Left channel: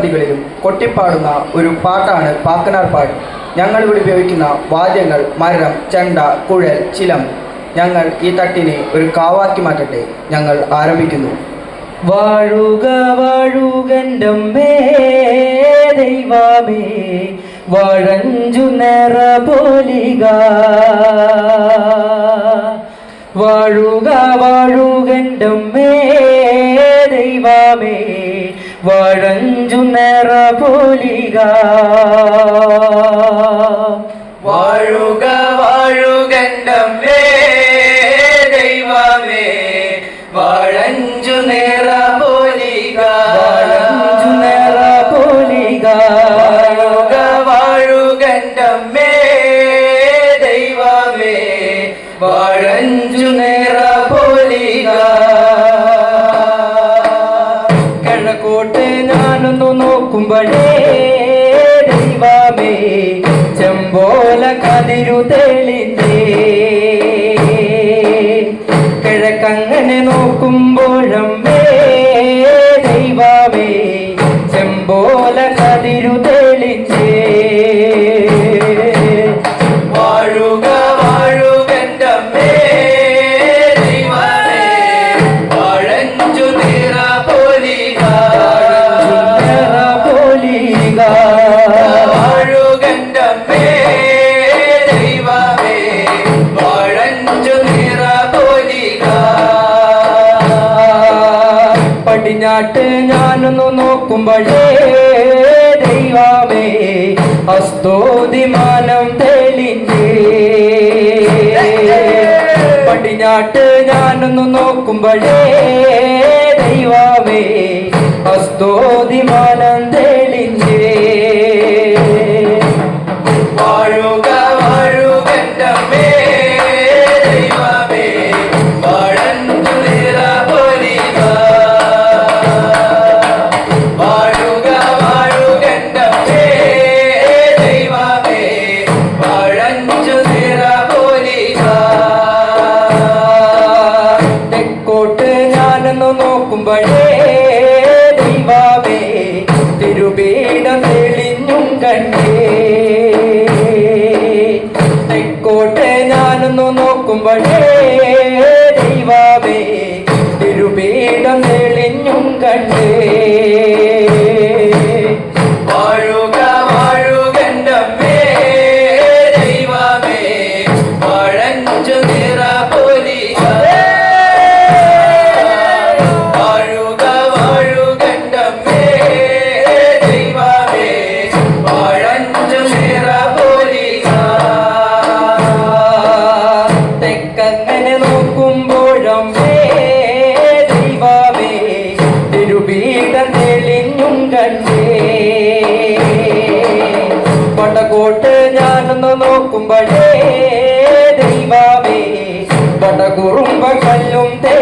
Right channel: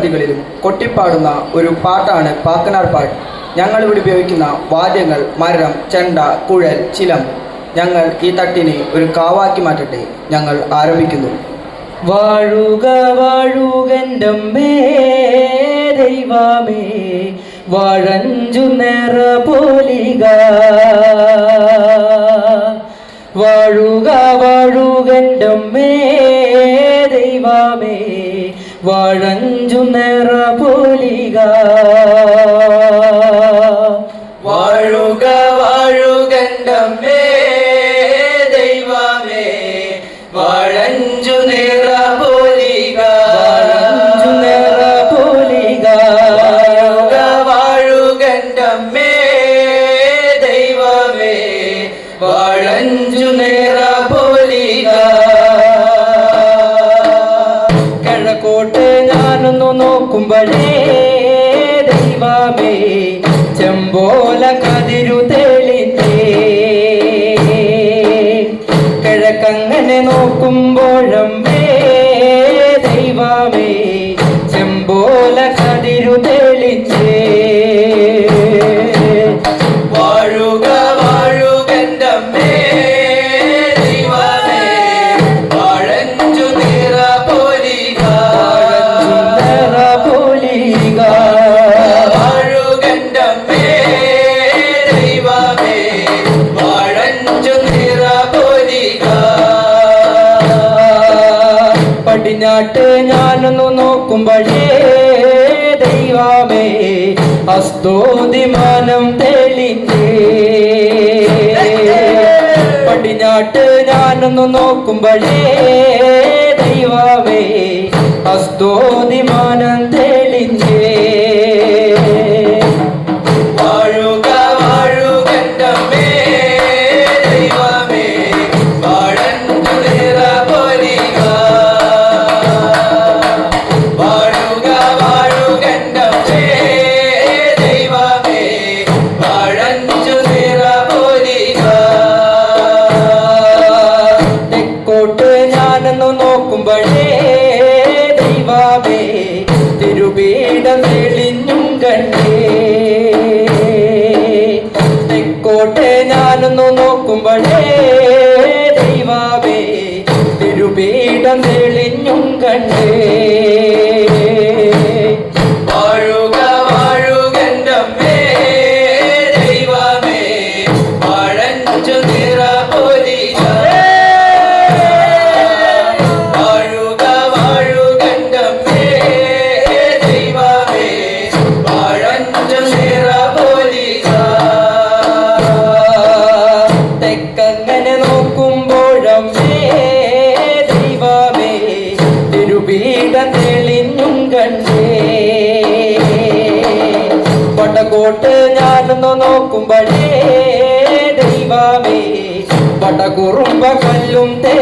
സന്ധ്യാവതികളിലും കൊട്ടിപ്പാടുന്ന ഒരു പാട്ടാണ് പാത്തനാർ പാട്ട്. ഞങ്ങൾ ഇവിടെ ഉപയോഗിക്കുന്ന വാദ്യങ്ങൾ മരം ചെണ്ട കുഴൽ ചിലം. ഞങ്ങൾ ഈ തട്ടിനെ ഒരു കാവാക്കി മാറ്റട്ടെ. ഞങ്ങൾ ആരംഭിക്കുന്നു. വാഴുക വാഴുകന്റമ്മേ നിറപോലിക. വാഴോ കഴിഞ്ഞാട്ട് ഞാനൊന്നു നോക്കുമ്പോഴേ ദൈവമേ അസ്തോതിമാനം തെളിഞ്ഞേ. പടിഞ്ഞാട്ട് ഞാനൊന്നു നോക്കുമ്പോഴേ ദൈവമേ குறும்ப கல்லும் தே